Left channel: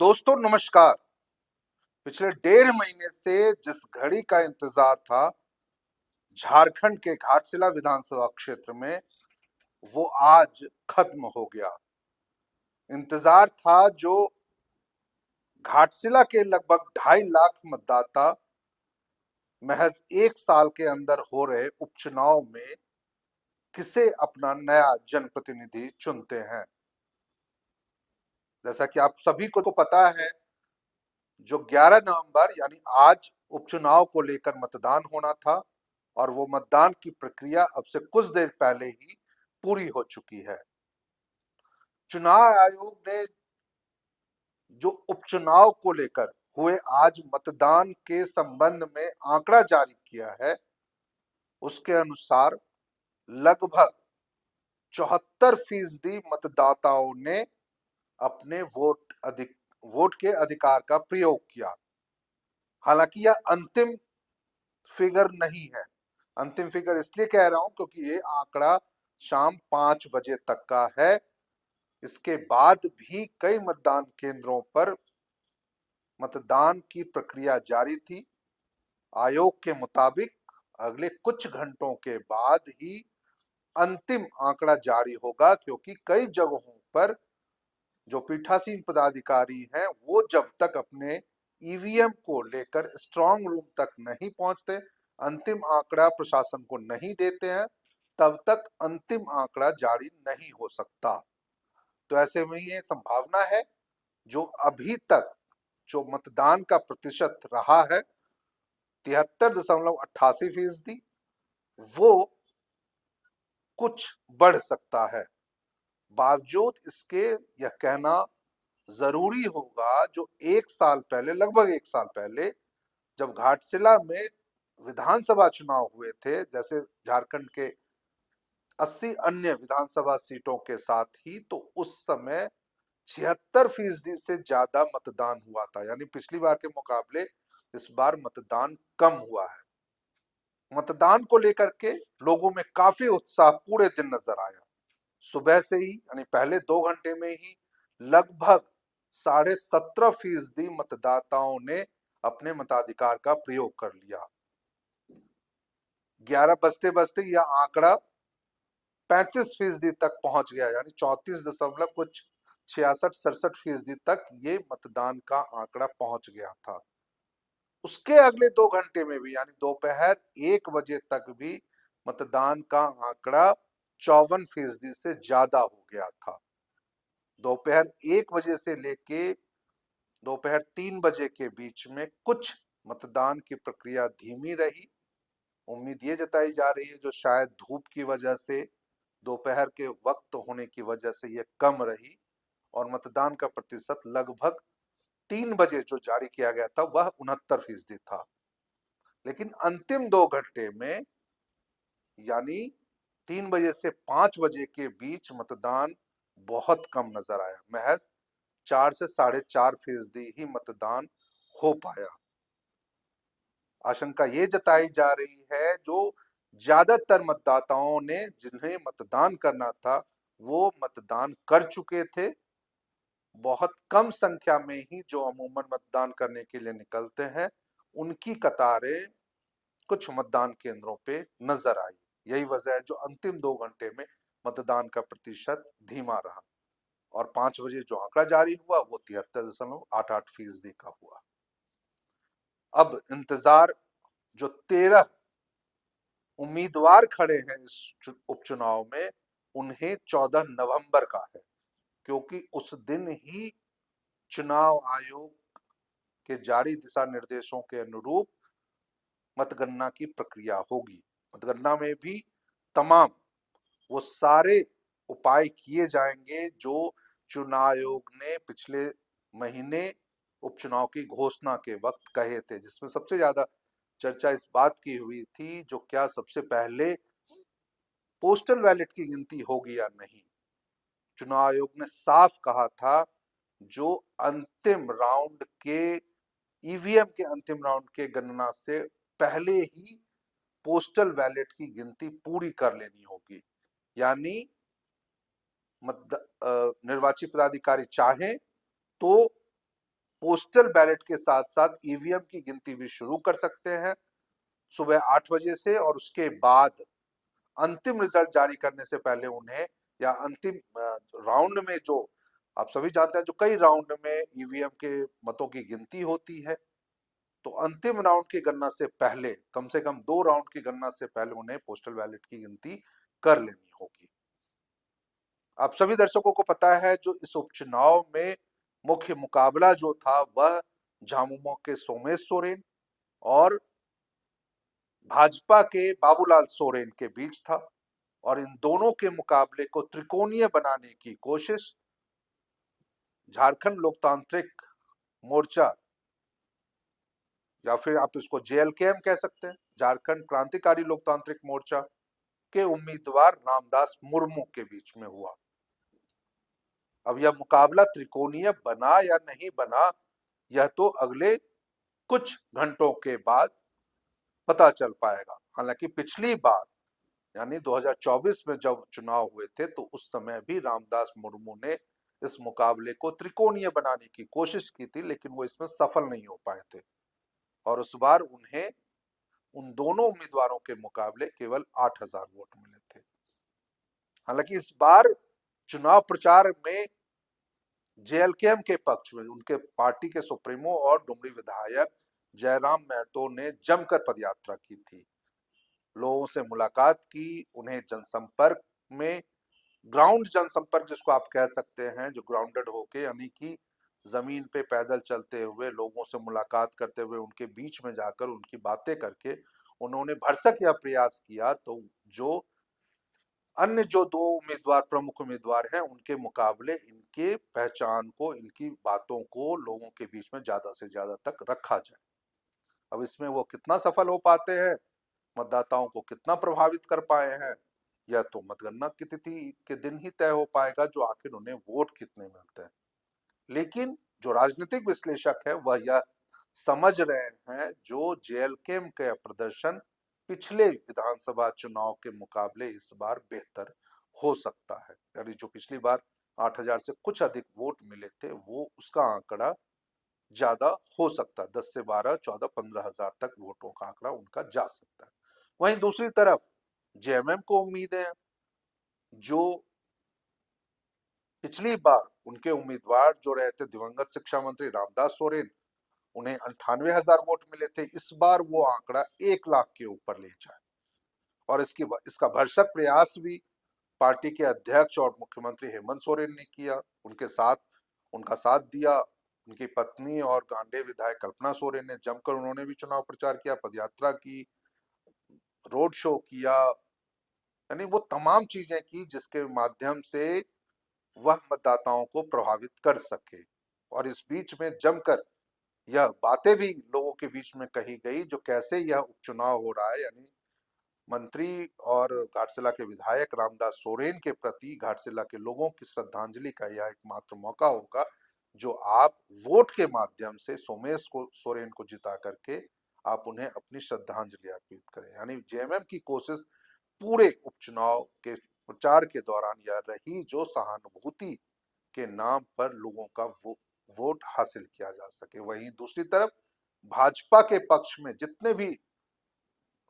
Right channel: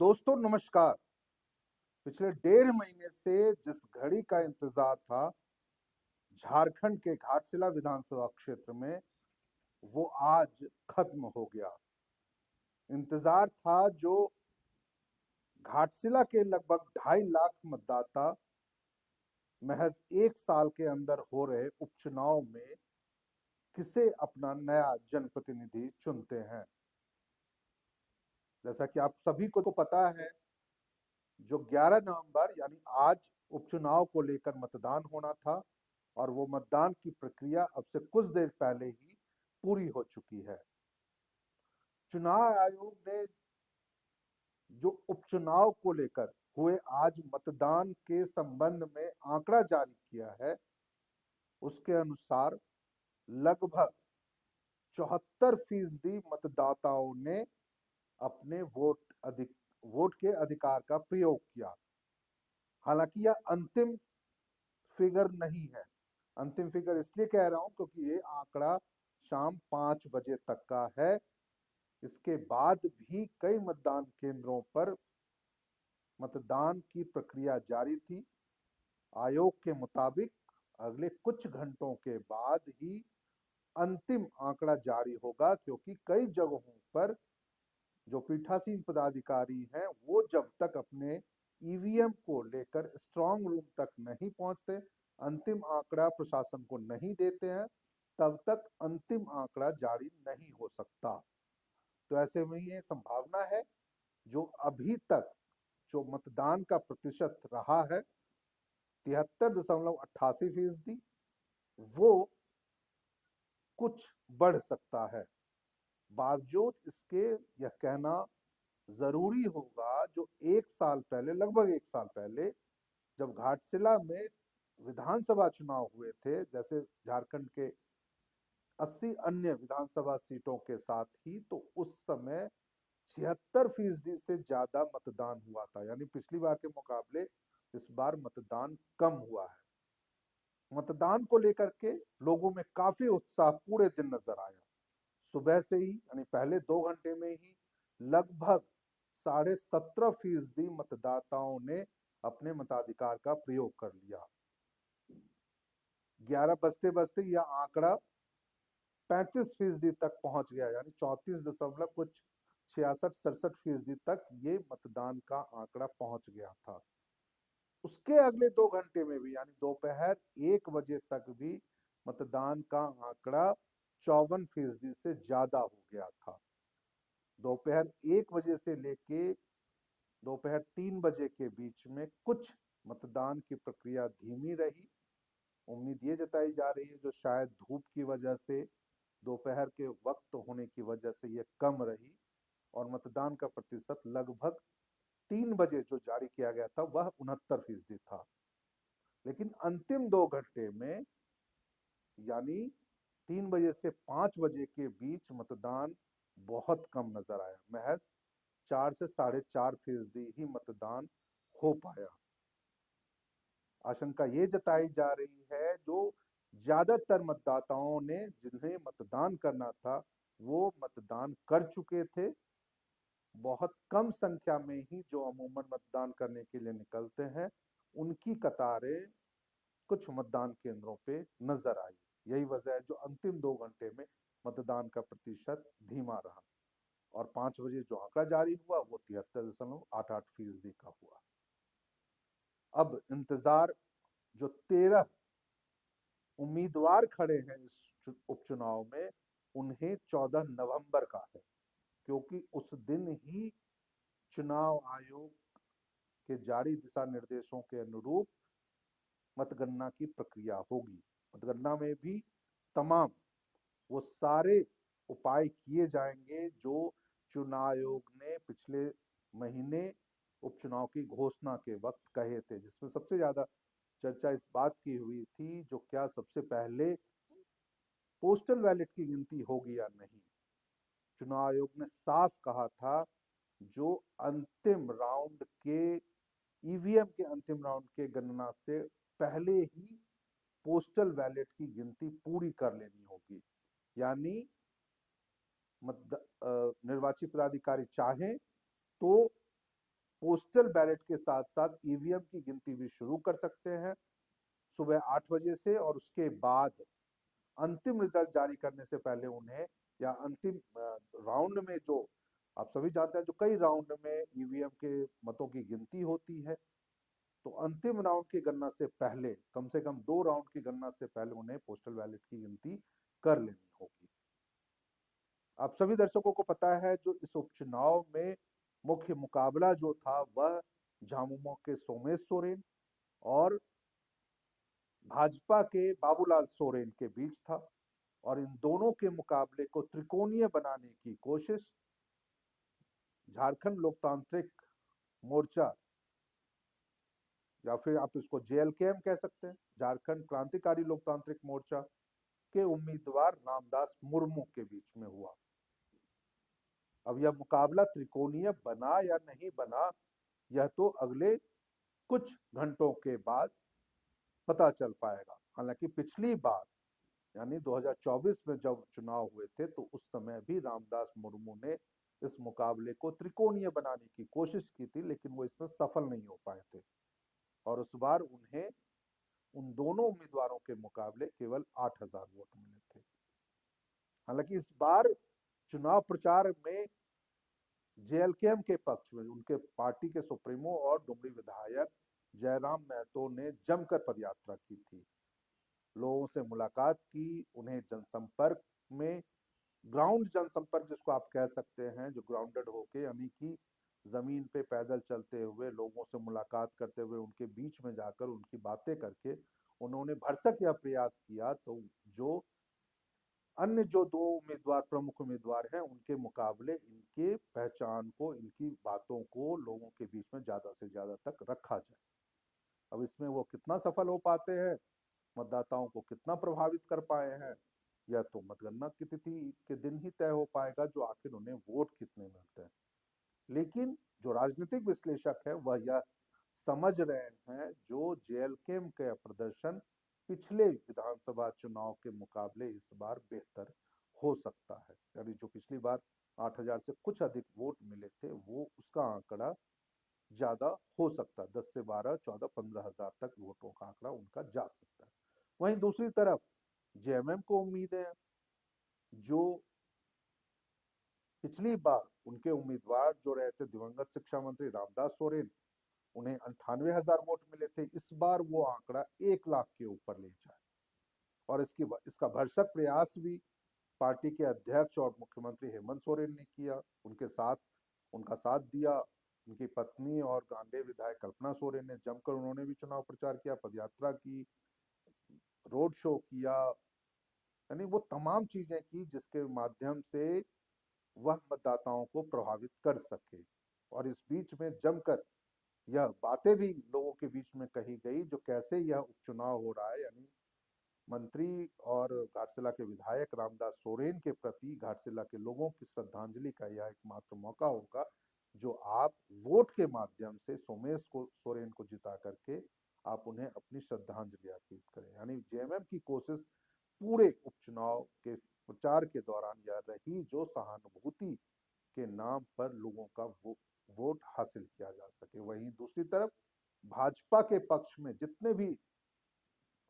दोस्तों नमस्कार। पिछले 1.5 महीने से जिस घड़ी का इंतजार था झारखंड के घाटशिला विधानसभा क्षेत्र में, वो आज खत्म हो गया। इंतजार था जो घाटशिला के लगभग 2.5 लाख मतदाता महज 1 साल के अंदर हो रहे उपचुनाव में किसे अपना नया जनप्रतिनिधि चुनते हैं। जैसा कि आप सभी को तो पता है, जो 11 नवंबर यानी आज उपचुनाव को लेकर मतदान होना था और वो मतदान की प्रक्रिया अब से कुछ देर पहले ही पूरी हो चुकी है। चुनाव आयोग ने जो उपचुनाव को लेकर हुए आज मतदान के संबंध में आंकड़ा जारी किया है, उसके अनुसार लगभग 74% मतदाताओं ने अपने वोट के अधिकार का प्रयोग किया। हालांकि यह अंतिम फिगर नहीं है। अंतिम फिगर इसलिए कह रहा हूं क्योंकि ये आंकड़ा शाम 5 बजे तक का है। इसके बाद भी कई मतदान केंद्रों पर मतदान की प्रक्रिया जारी थी। आयोग के मुताबिक अगले कुछ घंटों के बाद ही अंतिम आंकड़ा जारी होगा, क्योंकि कई जगहों पर जो पीठासीन पदाधिकारी हैं वो जब तक अपने ईवीएम को लेकर स्ट्रांग रूम तक नहीं पहुंचते, अंतिम आंकड़ा प्रशासन को नहीं देते हैं, तब तक अंतिम आंकड़ा जारी नहीं हो सकता। तो ऐसे में ये संभावना है जो अभी तक जो मतदान का प्रतिशत रहा है 73.88%, वो कुछ बढ़ सकता है। बावजूद इसके यह कहना जरूरी होगा, जो 1 साल पहले, लगभग 1 साल पहले जब घाटशिला में विधानसभा चुनाव हुए थे, जैसे झारखंड के 80 अन्य विधानसभा सीटों के साथ ही, तो उस समय 76% से ज्यादा मतदान हुआ था। यानी पिछली बार के मुकाबले इस बार मतदान कम हुआ है। मतदान को लेकर के लोगों में काफी उत्साह पूरे दिन नजर आया। सुबह से ही यानी पहले 2 घंटे में ही लगभग 17.5% मतदाताओं ने अपने मताधिकार का प्रयोग कर लिया। 11 बजते बजते यह आंकड़ा 35% तक पहुंच गया, यानी 34 दशमलव कुछ 66-67% तक ये मतदान का आंकड़ा पहुंच गया था। उसके अगले 2 घंटे में भी यानी दोपहर 1 बजे तक भी मतदान का आंकड़ा 54% से ज्यादा हो गया था। दोपहर 1 बजे से लेके दोपहर 3 बजे के बीच में कुछ मतदान की प्रक्रिया धीमी रही। उम्मीद ये जताई जा रही है जो शायद धूप की वजह से, दोपहर के वक्त होने की वजह से ये कम रही, और मतदान का प्रतिशत लगभग 3 बजे जो जारी किया गया था वह 69% था। लेकिन अंतिम 2 घंटे में यानी 3 बजे से 5 बजे के बीच मतदान बहुत कम नजर आया। महज 4 से 4.5% ही मतदान हो पाया। आशंका ये जताई जा रही है जो ज्यादातर मतदाताओं ने जिन्हें मतदान करना था वो मतदान कर चुके थे। बहुत कम संख्या में ही जो अमूमन मतदान करने के लिए निकलते हैं, उनकी कतारें कुछ मतदान केंद्रों पे नजर आई। यही वजह है जो अंतिम 2 घंटे में मतदान का प्रतिशत धीमा रहा, और 5 बजे जो आंकड़ा जारी हुआ वो 73.88% का हुआ। अब इंतजार जो 13 उम्मीदवार खड़े हैं इस उपचुनाव में, उन्हें 14 नवंबर का है, क्योंकि उस दिन ही चुनाव आयोग के जारी दिशा निर्देशों के अनुरूप मतगणना की प्रक्रिया होगी। मतगणना में भी तमाम वो सारे उपाय किए जाएंगे जो चुनाव आयोग ने पिछले महीने उपचुनाव की घोषणा के वक्त कहे थे, जिसमें सबसे ज्यादा चर्चा इस बात की हुई थी जो क्या सबसे पहले पोस्टल बैलेट की गिनती होगी या नहीं। चुनाव आयोग ने साफ कहा था जो अंतिम राउंड के ईवीएम के अंतिम राउंड के गणना से पहले ही पोस्टल बैलेट की गिनती पूरी कर लेनी होगी। यानी निर्वाची पदाधिकारी चाहे तो पोस्टल बैलेट के साथ साथ ईवीएम की गिनती भी शुरू कर सकते हैं सुबह 8 बजे से, और उसके बाद अंतिम रिजल्ट जारी करने से पहले उन्हें, या अंतिम राउंड में, जो आप सभी जानते हैं जो कई राउंड में ईवीएम के मतों की गिनती होती है, तो अंतिम राउंड की गणना से पहले, कम से कम 2 राउंड की गणना से पहले उन्हें पोस्टल बैलेट की गिनती कर लेनी होगी। आप सभी दर्शकों को पता है जो इस उपचुनाव में मुख्य मुकाबला जो था वह झामुमो के सोमेश सोरेन और भाजपा के बाबूलाल सोरेन के बीच था, और इन दोनों के मुकाबले को त्रिकोणीय बनाने की कोशिश झारखंड लोकतांत्रिक मोर्चा, या फिर आप इसको जेएलकेएम कह सकते हैं, झारखंड क्रांतिकारी लोकतांत्रिक मोर्चा के उम्मीदवार रामदास मुर्मू के बीच में हुआ। अब यह मुकाबला त्रिकोणीय बना या नहीं बना, यह तो अगले कुछ घंटों के बाद पता चल पाएगा। हालांकि पिछली बार यानी 2024 में जब चुनाव हुए थे तो उस समय भी रामदास मुर्मू ने इस मुकाबले को त्रिकोणीय बनाने की कोशिश की थी, लेकिन वो इसमें सफल नहीं हो पाए थे, और उस बार उन्हें उन दोनों उम्मीदवारों के मुकाबले केवल 8,000 वोट मिले थे। हालांकि इस बार चुनाव प्रचार में जेएलकेएम के पक्ष में उनके पार्टी के सुप्रीमो और डुमरी विधायक जयराम महतो ने जमकर पदयात्रा की थी, लोगों से मुलाकात की, उन्हें जनसंपर्क में, ग्राउंड जनसंपर्क जिसको आप कह सकते हैं, जो ग्राउंडेड होके, यानी कि जमीन पे पैदल चलते हुए लोगों से मुलाकात करते हुए उनके बीच में जाकर उनकी बातें करके उन्होंने भरसक यह प्रयास किया तो जो अन्य जो 2 उम्मीदवार, प्रमुख उम्मीदवार हैं, उनके मुकाबले इनके पहचान को, इनकी बातों को लोगों के बीच में ज्यादा से ज्यादा तक रखा जाए। अब इसमें वो कितना सफल हो पाते हैं, मतदाताओं को कितना प्रभावित कर पाए हैं, यह तो मतगणना की तिथि के दिन ही तय हो पाएगा, जो आखिर उन्हें वोट कितने मिलते हैं। लेकिन जो राजनीतिक विश्लेषक है वह यह समझ रहे हैं जो जेएलकेएम का प्रदर्शन पिछले विधानसभा चुनाव के मुकाबले इस बार बेहतर हो सकता है, यानी जो पिछली बार 8,000 से कुछ अधिक वोट मिले थे वो उसका आंकड़ा ज्यादा हो सकता है, 10 से 12, 14, 15,000 तक वोटों का आंकड़ा उनका जा सकता है। वहीं दूसरी तरफ जेएमएम को उम्मीद है, जो पिछली बार उनके उम्मीदवार जो रहे थे दिवंगत शिक्षा मंत्री रामदास सोरेन, उन्हें 98,000 वोट मिले थे, इस बार वो आंकड़ा 1 लाख के ऊपर ले जाए, और इसका भरसक प्रयास भी पार्टी के अध्यक्ष और मुख्यमंत्री हेमंत सोरेन ने किया, उनका साथ दिया उनकी पत्नी और गांडे विधायक कल्पना सोरेन ने, जमकर उन्होंने भी चुनाव प्रचार किया, पदयात्रा की, रोड शो किया, यानी वो तमाम चीजें की जिसके माध्यम से वह मतदाताओं को प्रभावित कर सके। और इस बीच में जमकर यह बातें भी लोगों के बीच में कही गई जो कैसे यह उपचुनाव हो रहा है, यानी मंत्री और घाटशिला के विधायक रामदास सोरेन के प्रति घाटशिला के लोगों की श्रद्धांजलि का यह एकमात्र मौका होगा जो आप वोट के माध्यम से सोमेश सोरेन को जिता करके आप उन्हें अपनी श्रद्धांजलि अर्पित करें। यानी जेएमएम की कोशिश पूरे उपचुनाव के प्रचार के दौरान यह रही जो सहानुभूति के नाम पर लोगों का वोट हासिल किया जा सके। वहीं दूसरी तरफ भाजपा के पक्ष में जितने भी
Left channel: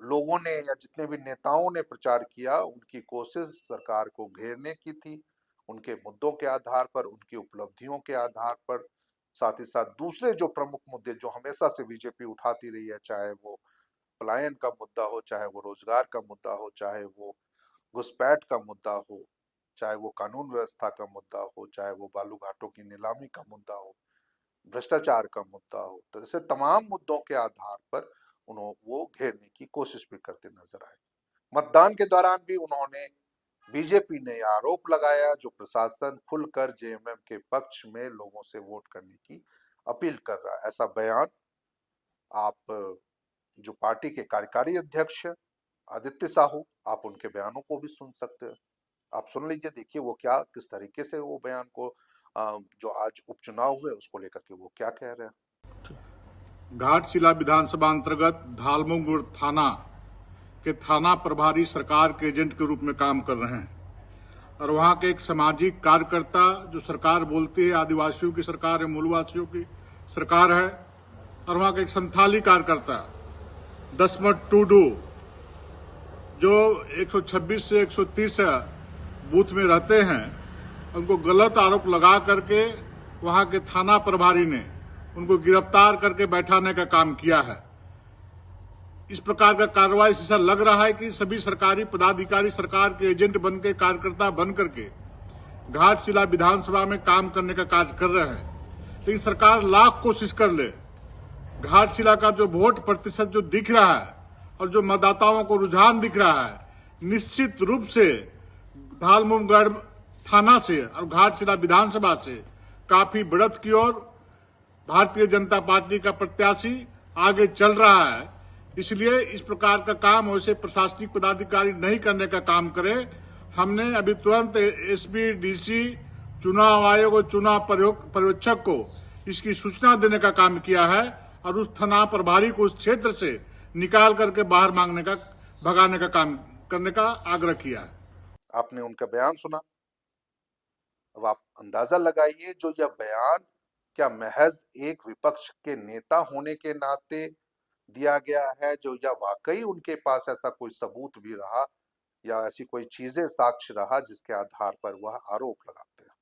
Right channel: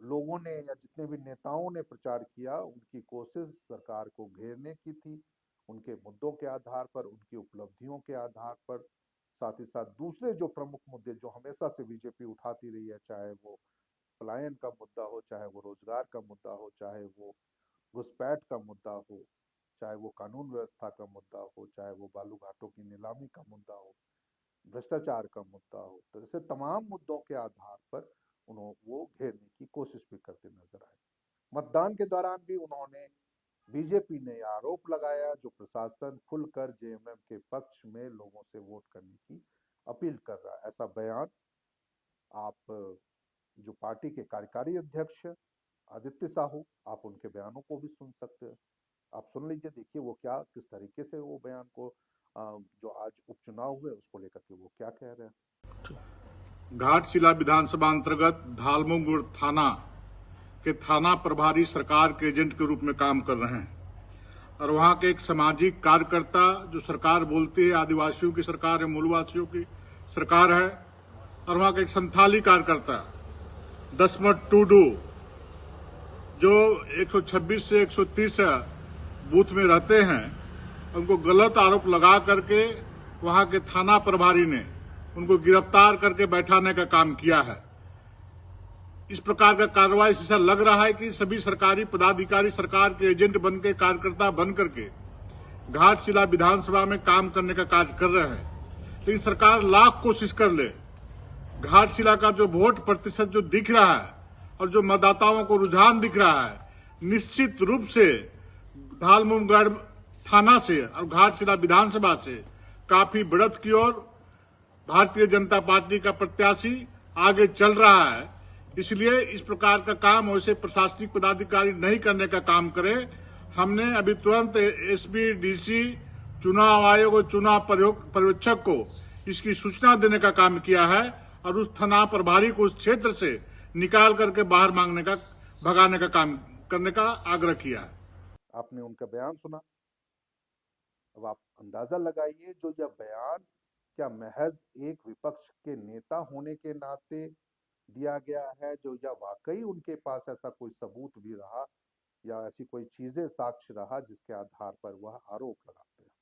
लोगों ने या जितने भी नेताओं ने प्रचार किया, उनकी कोशिश सरकार को घेरने की थी, उनके मुद्दों के आधार पर, उनकी उपलब्धियों के आधार पर, साथ ही साथ दूसरे जो प्रमुख मुद्दे जो हमेशा से बीजेपी उठाती रही है, चाहे वो पलायन का मुद्दा हो, चाहे वो रोजगार का मुद्दा हो, चाहे वो घुसपैठ का मुद्दा हो, चाहे वो कानून व्यवस्था का मुद्दा हो, चाहे वो बालू घाटों की नीलामी का मुद्दा हो, भ्रष्टाचार का मुद्दा हो, तो ऐसे तमाम मुद्दों के आधार पर वो घेरने की कोशिश भी करते नजर आए। मतदान के दौरान भी उन्होंने, बीजेपी ने आरोप लगाया जो प्रशासन खुलकर जेएमएम के पक्ष में लोगों से वोट करने की अपील कर रहा है। ऐसा बयान आप जो पार्टी के कार्यकारी अध्यक्ष आदित्य साहू, आप उनके बयानों को भी सुन सकते हैं। आप सुन लीजिए, देखिए वो क्या, किस तरीके से वो बयान को जो आज उपचुनाव हुए उसको लेकर के वो क्या कह रहे हैं। घाटशिला विधानसभा अंतर्गत धालमुंगुर थाना के थाना प्रभारी सरकार के एजेंट के रूप में काम कर रहे हैं और वहां के एक सामाजिक कार्यकर्ता जो सरकार बोलती है आदिवासियों की सरकार है, मूलवासियों की सरकार है और वहां के एक संथाली कार्यकर्ता दसमत टूडू जो 126 से 130 बूथ में रहते हैं, उनको गलत आरोप लगा करके वहां के थाना प्रभारी ने उनको गिरफ्तार करके बैठाने का काम किया है। इस प्रकार का कार्रवाई से ऐसा लग रहा है कि सभी सरकारी पदाधिकारी सरकार के एजेंट बन के, कार्यकर्ता बन करके घाटशिला विधानसभा में काम करने का कार्य कर रहे हैं। लेकिन सरकार लाख कोशिश कर ले, घाटशिला का जो वोट प्रतिशत जो दिख रहा है और जो मतदाताओं को रुझान दिख रहा है, निश्चित रूप से धालमुमगढ़ थाना से और घाटशिला विधानसभा से काफी बढ़त की ओर भारतीय जनता पार्टी का प्रत्याशी आगे चल रहा है। इसलिए इस प्रकार का काम वैसे प्रशासनिक पदाधिकारी नहीं करने का काम करे। हमने अभी तुरंत एसपी, डीसी, चुनाव आयोग और चुनाव पर्यवेक्षक को इसकी सूचना देने का काम किया है और उस थाना प्रभारी को उस क्षेत्र से निकाल करके बाहर भगाने का काम करने का आग्रह किया है। आपने उनका बयान सुना। अब आप अंदाजा लगाइए, जो यह बयान क्या महज एक विपक्ष के नेता होने के नाते दिया गया है, जो या वाकई उनके पास ऐसा कोई सबूत भी रहा या ऐसी कोई चीजें, साक्ष्य रहा जिसके आधार पर वह आरोप लगाते हैं।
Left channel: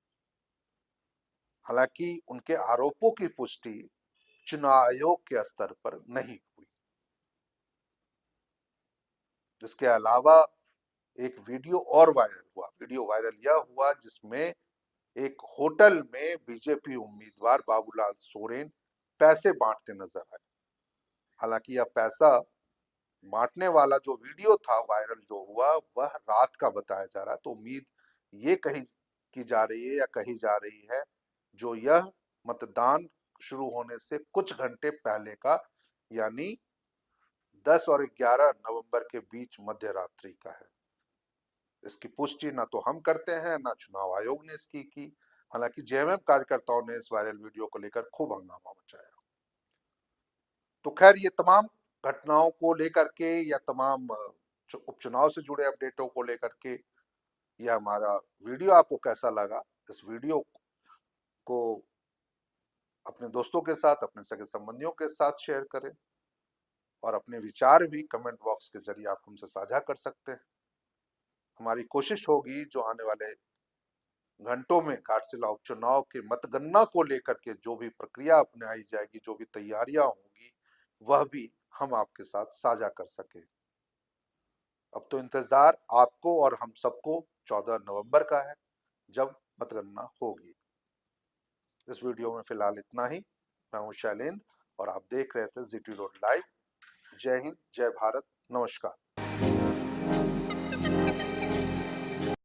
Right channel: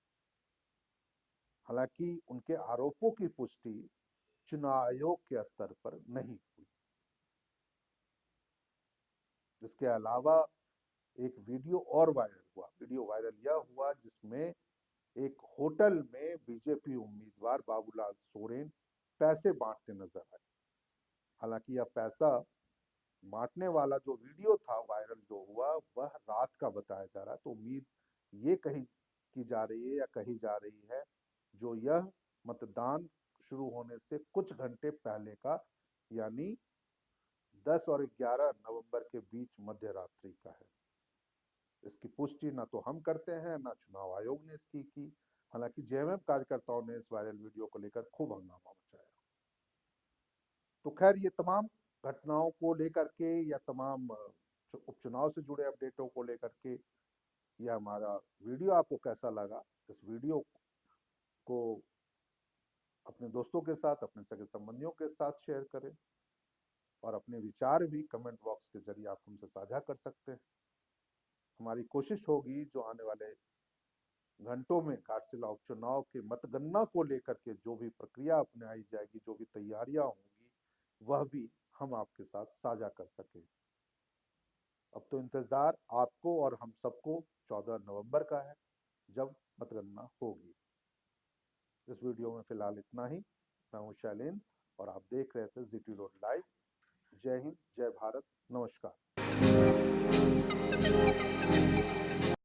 हालांकि उनके आरोपों की पुष्टि चुनाव आयोग के स्तर पर नहीं हुई। इसके अलावा एक वीडियो और वायरल हुआ। वीडियो वायरल यह हुआ जिसमें एक होटल में बीजेपी उम्मीदवार बाबूलाल सोरेन पैसे बांटते नजर आए। हालांकि यह पैसा बांटने वाला जो वीडियो था वायरल जो हुआ, वह रात का बताया जा रहा है। तो उम्मीद ये की जा रही है या कही जा रही है जो यह मतदान शुरू होने से कुछ घंटे पहले का, यानी 10 और 11 नवंबर के बीच मध्य रात्रि का है। इसकी पुष्टि ना तो हम करते हैं, ना चुनाव आयोग ने इसकी की। हालांकि जेएमएम कार्यकर्ताओं ने इस वायरल वीडियो को लेकर खूब हंगामा मचाया। तो खैर, ये तमाम घटनाओं को लेकर के या तमाम उपचुनाव से जुड़े अपडेटों को लेकर के यह हमारा वीडियो आपको कैसा लगा, इस वीडियो को अपने दोस्तों के साथ, अपने सगे संबंधियों के साथ शेयर करें और अपने विचार भी कमेंट बॉक्स के जरिए आप हमसे साझा कर सकते हैं। हमारी कोशिश होगी जो आने वाले घंटों में घाटशिला उपचुनाव के मतगणना को लेकर के जो भी प्रक्रिया अपनाई जाएगी, जो भी तैयारियां होंगी, वह भी हम आपके साथ साझा कर सके। अब तो इंतजार आपको और हम सबको 14 नवंबर का है, जब मतगणना होगी। इस वीडियो में फिलहाल इतना ही। मैं हूं शैलेंद्र और आप देख रहे थे जीटी रोड लाइव। जय हिंद, जय भारत, नमस्कार।